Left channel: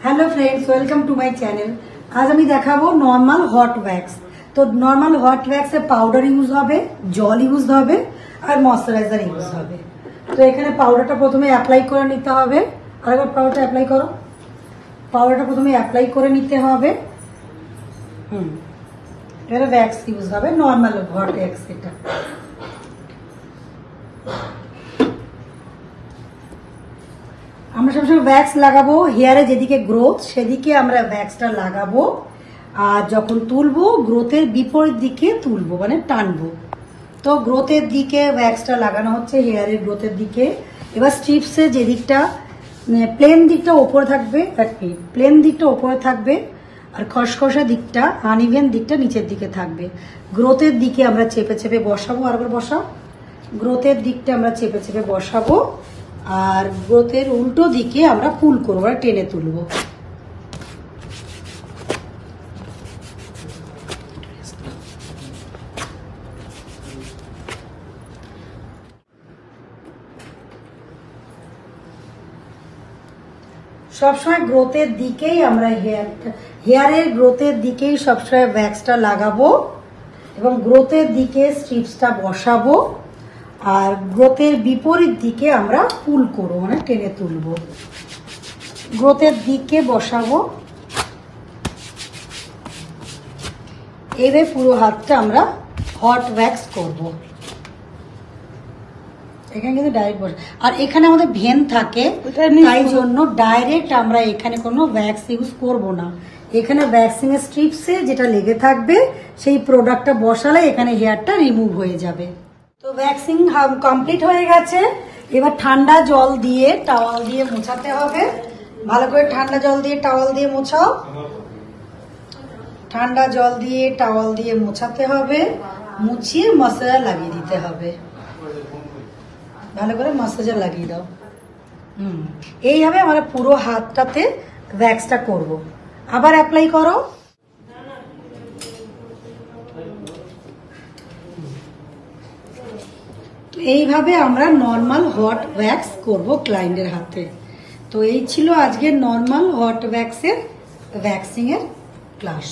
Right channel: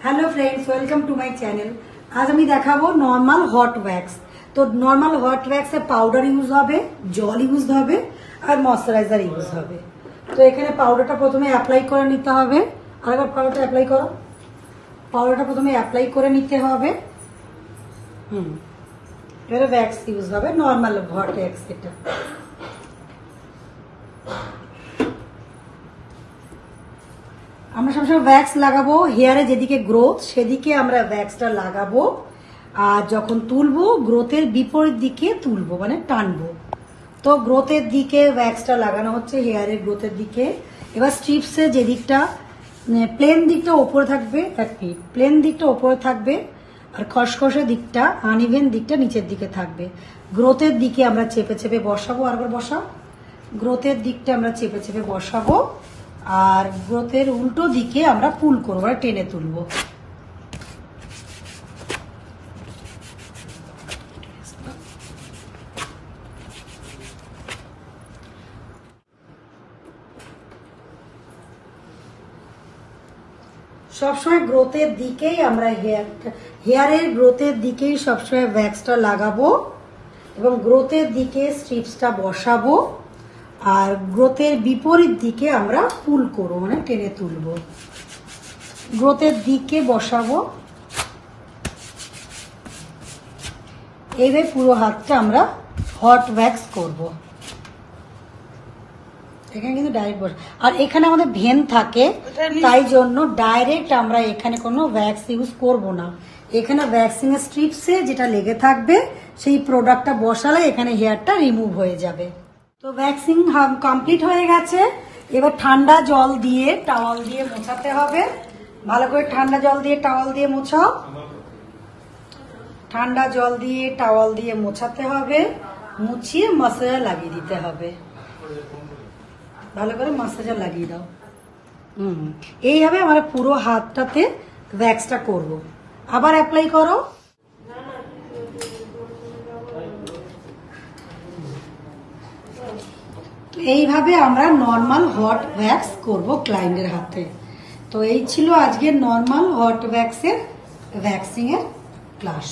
Hello friends, welcome to my channel. आज আমি দেখাবো নরমাল হট ওয়্যাক্স। তো নরমাল হট ওয়্যাক্সে পাউডার ইউজ হবে, জল ইউজ হবে আর ময়শ্চারাইজার ইউজ হবে। তো এখানে পাউডারটা প্রথমে অ্যাপ্লাই করে নিতে হবে। আরেকবার পাউডারটা অ্যাপ্লাই করো। পাউডারটা প্রথমে অ্যাপ্লাই করে নিতে হবে। এবারে ওয়্যাক্স ইউজ হবে, নরমাল হট ওয়্যাক্স এটা। আমরা সবসময় ওয়্যাক্স লাগাবো হেয়ারে যেদিকে গ্রোথ সেদিকে আমরা ওয়্যাক্সটা লাগাবো, আর যখন তুলবো গ্রোথের বিপরীত দিকে তুলবো, মানে টানবো। তো গ্রোথের দিকে ওয়্যাক্সটা লাগানো হচ্ছে, হেয়ারের গ্রোথের দিকে। এবার স্ট্রিপসে যে দিকটা প্লেন দিকটা ওপরে থাকবে, প্লেন দিকটা ওপরে থাকবে আর খসখসা দিকটা আনইভেন দিকটা নিচের দিকে থাকবে। গ্রোথের দিকে আমরা চেপে চেপে বসাবো। আরেকবার বসাও। গ্রোথের দিকটা আমরা চেপে চেপে বসাবো আর গ্রোথের উল্টো দিকে আমরা পুল করবো, মানে টেনে তুলবো। সবসময় গ্রোথের দিকেই আমরা হেয়ারের গ্রোথের দিকেই সবসময় ওয়্যাক্সটা লাগাবো এবং গ্রোথের দিকে স্ট্রিপসটা বসাবো আর গ্রোথের বিপরীত দিকে আমরা পুল করবো, মানে টেনে তুলবো। গ্রোথের দিকে বসাবো। এইভাবে পুরো হাতটা আমরা হট ওয়্যাক্স করবো। এখানে কিন্তু ডাইরেক্ট বসে, আর এখানে আমাদের ভেন থাকে, তাই জন্য ডাইরেক্ট আমরা এখানে কোনো ওয়্যাক্স ইউজ করবো না। এখানে ওয়্যাক্সিং এর স্ট্রিপসে যেটা লেগে থাকবে সেই প্রোডাক্টটা বসালে এখানে হেয়ারটা রিমুভ হয়ে যাবে। তো ওয়্যাক্সিং কমপ্লিট হয়ে গেছে। এবার ঠান্ডা জল দিয়ে টাওয়াল দিয়ে মোছাতে হবে। ভালো করে ঠান্ডা জল দিয়ে টাওয়াল দিয়ে মোছাও। ঠান্ডা জল দিয়ে টাওয়াল দিয়ে মোছাতে হবে, মুছিয়ে মশলা লাগিয়ে দিতে হবে। ভালো করে মশলা লাগিয়ে দাও। এইভাবে আমরা পুরো হাতটাতে ওয়্যাক্সটা করব। আবার অ্যাপ্লাই করো। এইভাবে আমরা নরমাল হট ওয়্যাক্স করব ক্লায়েন্টের হাতে। তো এই ছিল আজকের নরমাল হট ওয়্যাক্সের ওয়্যাক্সিং এর ক্লাস।